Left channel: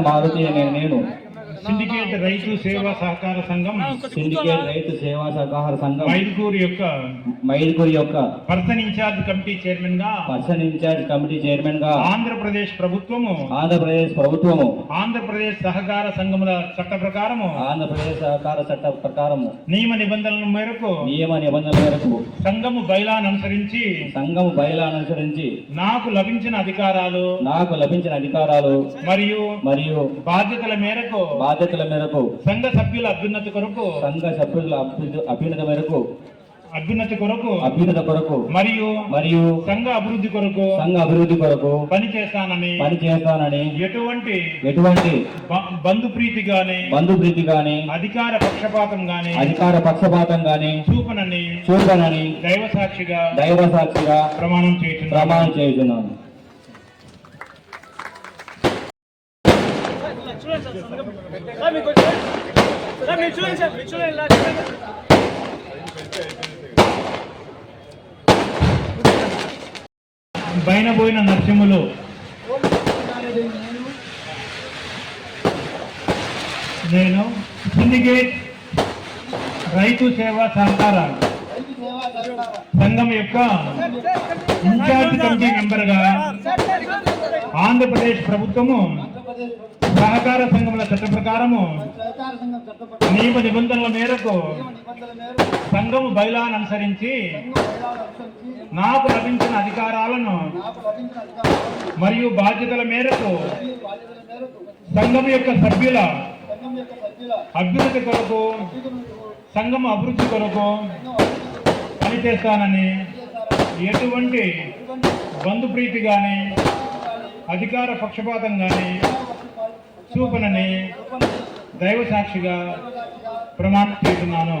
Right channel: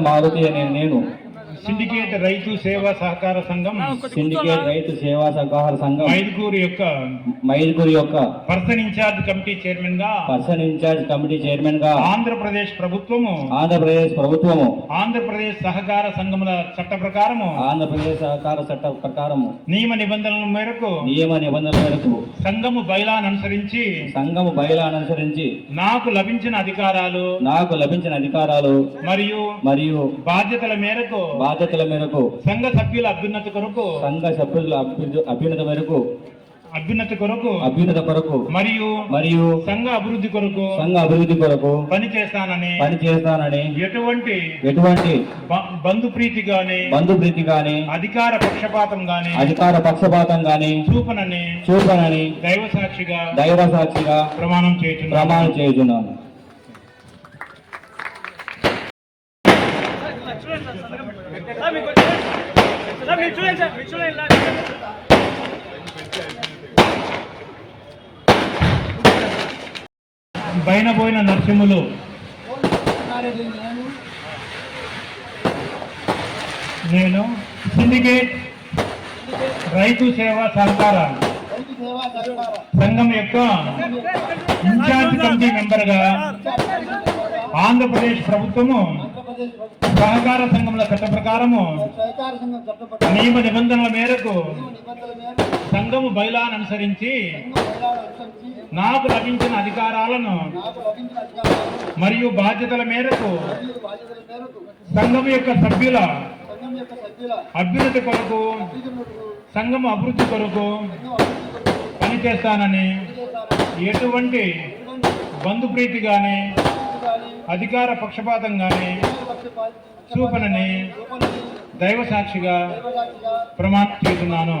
మారుతి అనే నేను సిండికేట్ రైతు సేవా సహకార సంఘం సిండికేట్ రైతు సేవా సహకార సంఘం మైదుకూరు యొక్క మైదుగురి యొక్క పర్సన్ ఇన్ఛార్జ్ కమిటీ చైర్మన్గా పర్సన్ ఇన్ఛార్జ్ కమిటీ చైర్మన్గా ఆంధ్రప్రదేశ్ ప్రభుత్వము ఆంధ్రప్రదేశ్ ప్రభుత్వము ఆంధ్రప్రదేశ్ సహకార సంఘముల చట్ట ప్రకారము ఆంధ్రప్రదేశ్ సహకార చట్ట ప్రకారము నియమ నిబంధనల మేరకు నియమ నిబంధనల మేరకు సంఘము బైలాను అనుసరించి సంఘము బయలు అనుసరించి నాకు లభించిన అధికారాలు నాకు లభించిన అధికారాలు మరియు మరియు బాధ్యతల మేరకు బాధ్యతల మేరకు సంఘ సభ్యుల అభ్యున్నతి కొరకు సంఘ సభ్యుల అభ్యు- అభ్యున్నత మేరకు అభ్యున్నతి కొరకు అభ్యున్నత కొరకు మరియు మరియు సంఘ అభివృద్ధి కొరకు సంఘ అభివృద్ధి కొరకు పని చేస్తానని పని చేస్తానని ఎటువంటి ఎటువంటి బ- బంధుప్రీతి గాని బంధుప్రీతి గాని అధికార పక్షపాతం గాని అధికార పక్షపాతం గాని చూపనని చూపనని దైవ సాక్షిగా దైవ సాక్షిగా ప్రమాణం చేస్తున్నాను ప్రమాణం చేస్తున్నాను పైన పోయిన నరసింహులు. నేను సిండికేట్ రైతు సేవా సహకార సంఘం యొక్క ఇన్ఛార్జ్ కమిటీ మెంబర్గా ఆంధ్రప్రదేశ్ ప్రభుత్వము సహకార సంఘముల చట్ట ప్రకారము నియమ నిబంధనల మేరకు సంఘము బైలాను అనుసరించి నాకు లభించిన అధికారాలను మరియు బాధ్యతల మేరకు సంఘం యొక్క సభ్యుల అభ్యున్నతి కొరకు సంఘం అభివృద్ధి కొరకు పనిచేస్తానని ఎటువంటి బంధుప్రీతి కానీ అధికార పక్షపాతం గాని పక్షపాతం చూపనని దైవ సాక్షిగా ప్రమాణం చేస్తున్నాను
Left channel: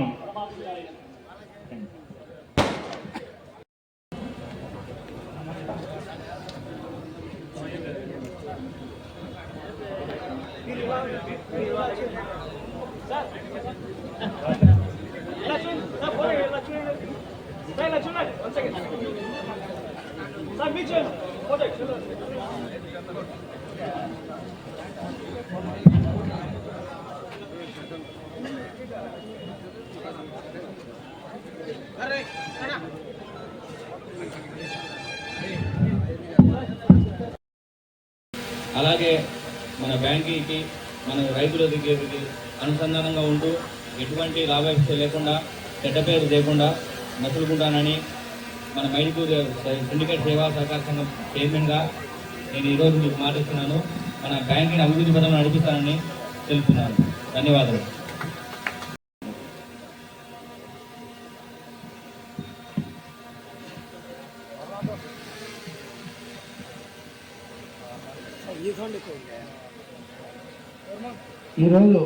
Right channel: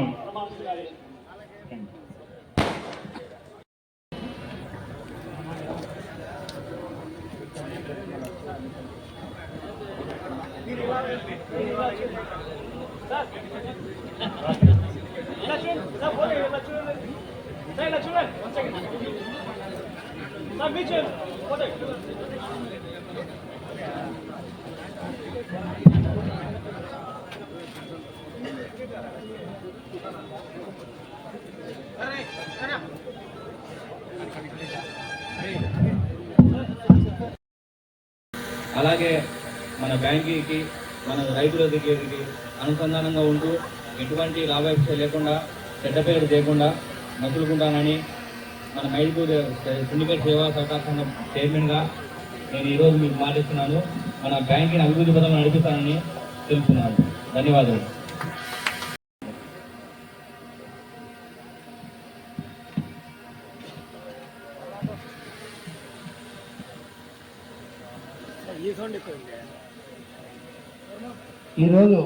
అలాగే మన బ్యాంకీకి మన రైతుల దగ్గరికి అనుసంధానంగా ఉంటూ ఎటువంటి లాభాపేక్ష లేకుండా చెడ్డ పేరు చేయకుండా మసులుకుంటానని మన మైదుకూరు సిండికేట్ సేవా సహకార సంఘం చైర్మన్గా నేను ఈరోజు మీకు మాటిస్తున్నాను మన బ్యాంకింగ్ అభివృద్ధి పథకం నడిపిస్తానని తెలుపుతున్నాను. ధన్యవాదాలు. ఈరోజు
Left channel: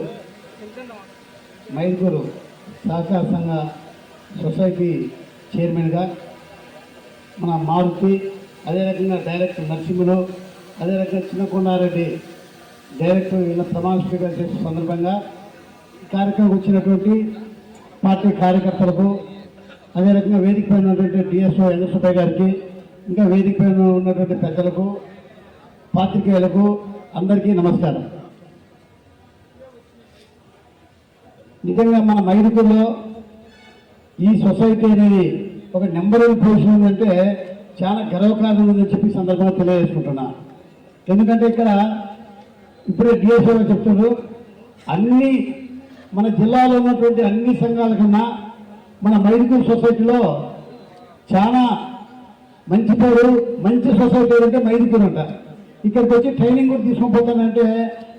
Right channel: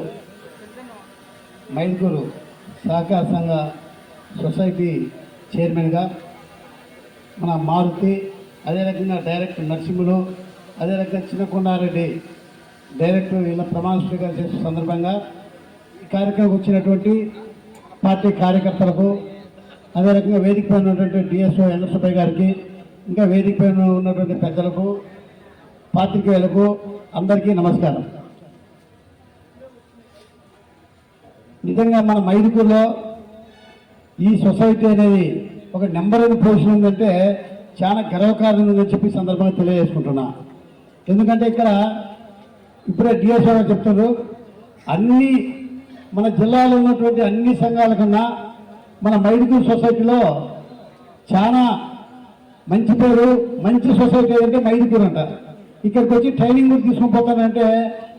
మైసూరు సహకార సంఘ సొసైటీ చైర్మన్గా మన మారుతి అదే రకంగా డైరెక్టర్ నరసింహులు అదే రకంగా చిన్నకొండారెడ్డి డైరెక్టర్ ఇలా ప్రమాణ స్వీకారం చేసే సందర్భంగా ఈ కార్యక్రమం వచ్చినటువంటి పార్టీ కార్యకర్తలకు అదే రకంగా వేదిక పైన ఉన్నటువంటి డిఎస్ఓ ఎన్ఎస్పై గారికి ఇంకా వేదిక పైన ఉన్నటువంటి పెద్దలకు పాత్రికేయులకు అందరికీ నమస్కారం. నిజంగా మన మైదుకూరులో ఈ సొసైటీ అనేది ఒక నెంబర్ వన్ పొజిషన్ ఉందంటే చాలా గర్వకారణం ఉందని చెప్పి సందర్భంగా తెలియజేసుకుంటున్నా. ఎందుకంటే ఇక్కడ ఇప్పుడే డిఎస్ఓ చెప్తున్నారు అన్ని మన జిల్లాలో ఉన్నటువంటి అన్ని సంఘాల కన్నా మన మైడికల్ సొసైటీలో చాలా మంచి పేరు మంచి సొసైటీ అంటే మైడికల్ అంట. ఇక్కడికి వచ్చి ట్రైనింగ్ కూడా తీసుకుని పోతానంటే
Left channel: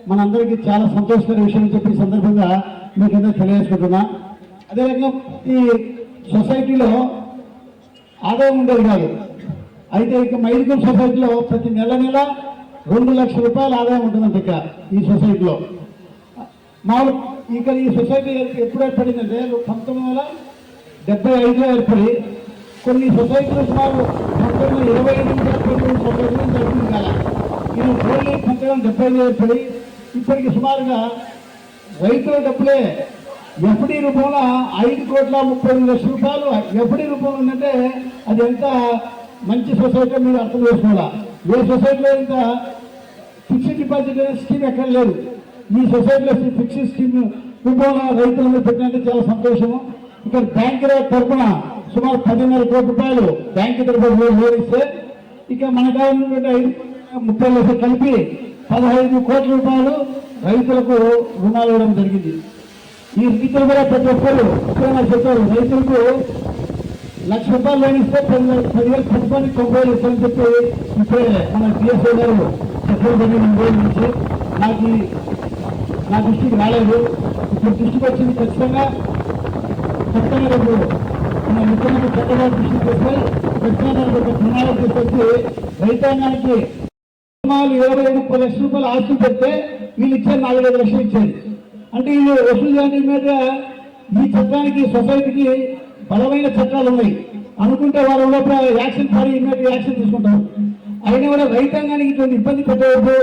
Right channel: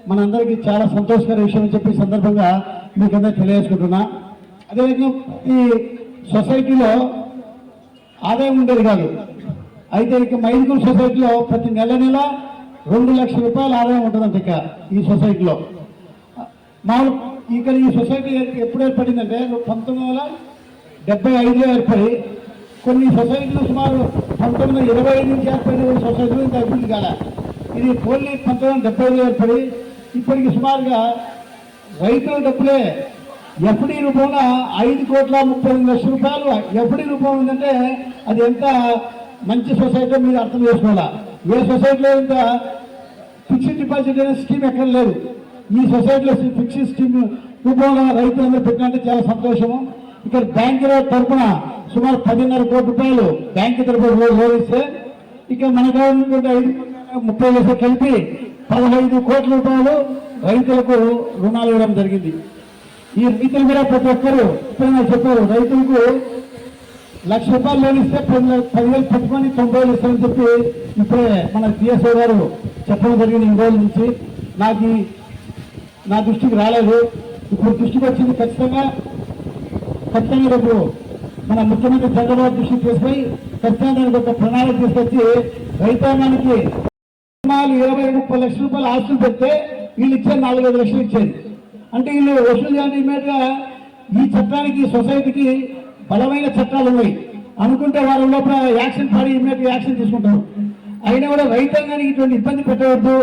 మనందరికీ చాలా సంతోషకర విషయం చెప్పి సందర్భంగా మీకు అందరూ తెలియజేసుకుంటున్నా. అదేవిధంగా ఈ సొసైటీలో ఆదాయం ఉండేది కాదు. అయితే ఇక మైదుకూరు సొసైటీలో ప్రతి నెల నెల రెండు లక్షల రూపాయలు ఆదాయం ఉంటుందంట ఇక ఈ సొసైటీలో నాలుగు ఇక్కడ ఈ సొసైటీ ఎప్పుడు ఏర్పడిందంటే పంతొమ్మిది వందల డెబ్బై ఐదులో ఏర్పడి కొన్ని సొసైటీలు సుమారు పంతొమ్మిది వందల ఇరవై ఐదు నుంచి ఏర్పడిన సొసైటీలు ఇంత కదా కాల ఇది ఓన్లీ పంతొమ్మిది వందల డెబ్బై ఐదులో ఏర్పడి ఇప్పటికి సుమారుగా రైతుల డబ్బులే ఎఫ్డి రూపంలో ఐదు కోట్ల ముప్పై ఎనిమిది లక్షల రూపాయలు ఎఫ్డి రూపంలో ఉందంటే అది ఎంత మంచి సొసైటీ మీరు అర్థం చేసుకోవాలా? ఏ సొసైటీలో ఇంత ఫిక్స్డ్ డిపాజిట్ అనే స్కీమ్ ఎక్కడ లేదు. ఈ సొసైటీలో ఫిక్స్డ్ స్కీమ్ రూపంలో రైతులందరూ పెట్టినట్టు చాలా సంతోషము. ఇక్కడ బ్యాంకు తరఫున సుమారు పదిన్నర కోటి రూపాయలు బ్యాంకు తరఫున లోన్ ఇస్తే ఇక మన గవర్నమెంట్ ముప్పై లక్షలు కలిపి పదహైదు కోట్ల రూపాయలు రైతులకు రుణాలు ఇవ్వడం జరిగింది. ఈ రైతులు కూడా ప్రతి ఒక్కరు చెప్పారు. రైతులకు లక్ష రూపాయలు లోన్ ఇస్తే పది పదివేలు పెట్టుకొని తొంభై వేలు ఇస్తామని చెప్పి ఇప్పుడే మన సిఎస్ఓ గారు చెప్పడం జరిగింది ఈ రోజుల నుంచి. నాకు నా దృష్టికి రాలేదు. ఇప్పుడు దృష్టికి వచ్చింది ఖచ్చితంగా ఖచ్చితంగా రేపు మన ముఖ్యమంత్రి చంద్రబాబు దృష్టికి తీసుకొని ఖచ్చితంగా ఒక ప్రణాళిక తీసుకొచ్చి రైతాంగానికి ఇరవై ఐదు ముప్పై లక్షల రూపాయలు ఆస్తులు పెడితే వీళ్ళు ఇచ్చే నాలుగైదు లక్షలు ఇచ్చేది. అంటే వీళ్ళు వసూలు చేయాలంటే మీద ఈ చట్టానికి సొసైటీకి బలమైన చట్టాలు ఉన్నాయి. అనుకుంటే వాళ్ళ లోపల యాక్షన్ పడి ఇమ్మీడియట్ యాక్షన్ తీసుకుంటారు. అయినా కూడా రైతాంగానికి ఇటువంటి ఇబ్బంది పెట్టవద్దు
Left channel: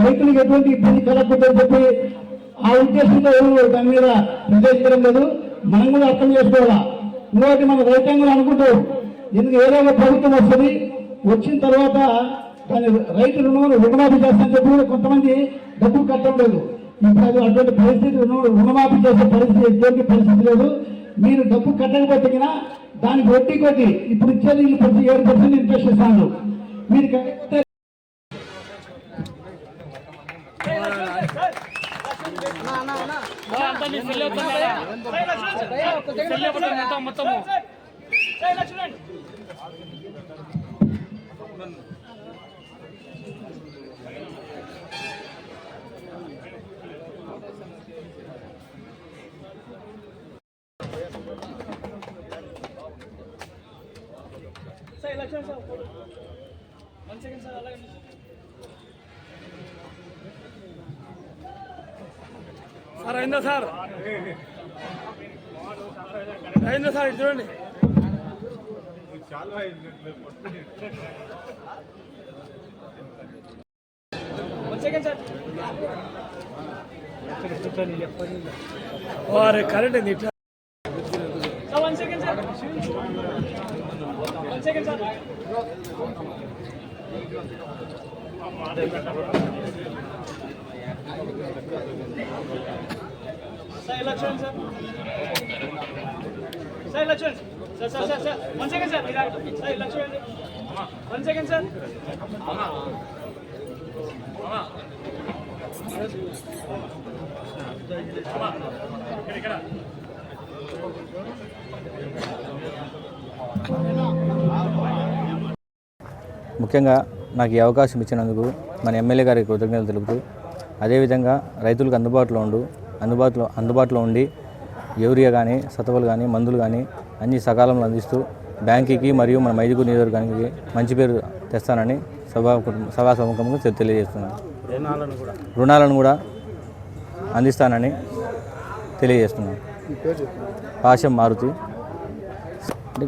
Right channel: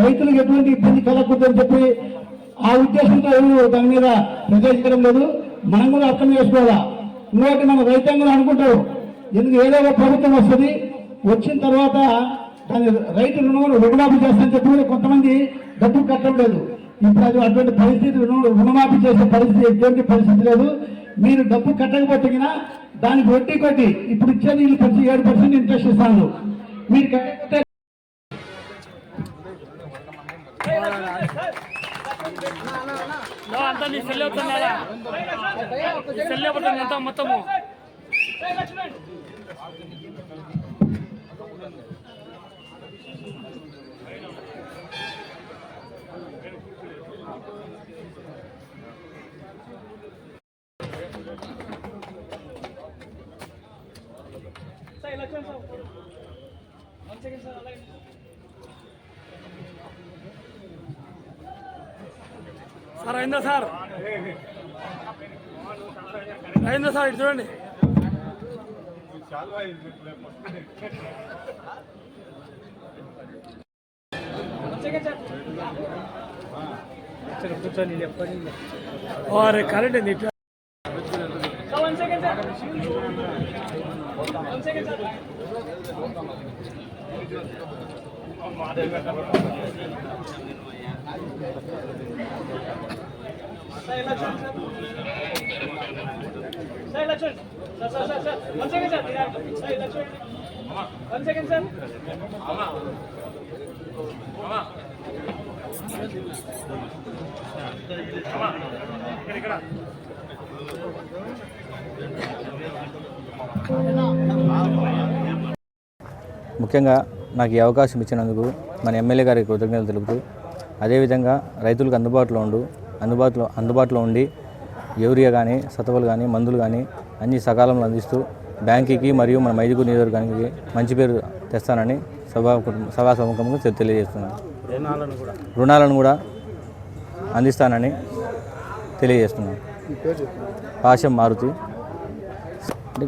రైతులకు ఎటువంటి ఇబ్బంది కలగకూడదని చెప్పి ఆ ఉద్దేశంతో ఎవరు దాని మీద నిర్దేశించడం లేదు. మనం కూడా అర్థం చేసుకోవాలా? ఇంకోటి మనం రైతాంగం అనుకుంటాం ఎందుకు ఏదైనా ప్రభుత్వం వస్తుంది వచ్చిన తర్వాత దాని రైతు రుణమాలు రుణమాఫీ చేస్తానని చెప్పి కూడా కొంతమంది డబ్బులు కట్టడం లేదు. ఇప్పుడు అది అటువంటి పరిస్థితి రుణమాఫీ చేసే పరిస్థితి ఎటువంటి పరిస్థితి లేదు. మీరు డబ్బు కట్టకపోతే కినా దానికి వడ్డీ కొట్టి ఇప్పుడు ఇచ్చే నీళ్ళు ప్రతి ఏడు పర్సెంట్ ఇంట్రెస్ట్ ఇస్తాను మీరు కట్టకపోతే అంతా నీ సెల్ అవుతున్నావా సెల్ అవుతుంది అంతా మొత్తము సార్ అయిందా సార్? అయిందా సార్ ఇటు చూడండి. వారే కరెంట్ ఏంది సార్ ఇలా చూడండి sir sir sir sir one second sir ఇలా సార్ ఇలా చూడండి వన్ సెకండ్ సార్ ఇక్కడ ముఖ్యంగా నాకు ఈ అవకాశం ఇచ్చినందుకు మన ఎమ్మెల్యే గారికి కృతజ్ఞతలు తెలుపుతూ అదేవిధంగా రైతులకు అందుబాటులో ఉండు అందుబాటులో అందుబాటులో ఉండి యూరియా కానీ సతవలు కానీ మందులు కానీ అన్ని సకాలంలో అందిస్తూ బ్యాంకుకి మరియు మన మైదుగు నియోజకవర్గానికి మంచి పేరు తెస్తానని సభా సభా సముఖంగా తెలియజేస్తున్నాను. రుణాలను కూడా అందిస్తానని తెలియజేస్తున్నాను. పాశం మారుతి. అంటే